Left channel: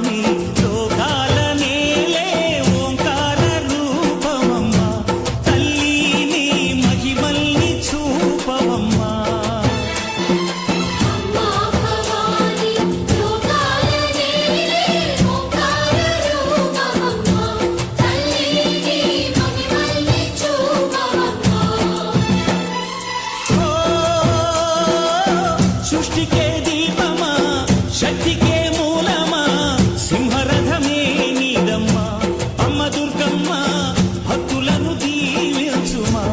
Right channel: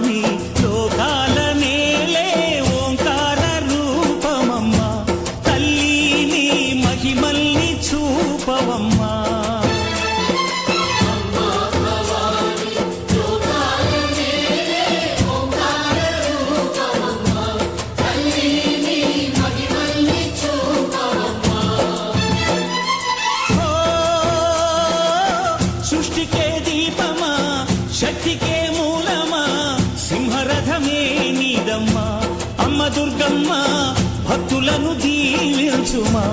భవాని లోకాల నేలే ఓంకార రూపమమ్మా తల్లి మహిమల్ని చూపవమ్మా సృష్టికే దీపమా శక్తికే మూలమా సింహరథమే నీదమ్మా అమ్మ దుర్గమ్మ భక్తులను దీవించుమా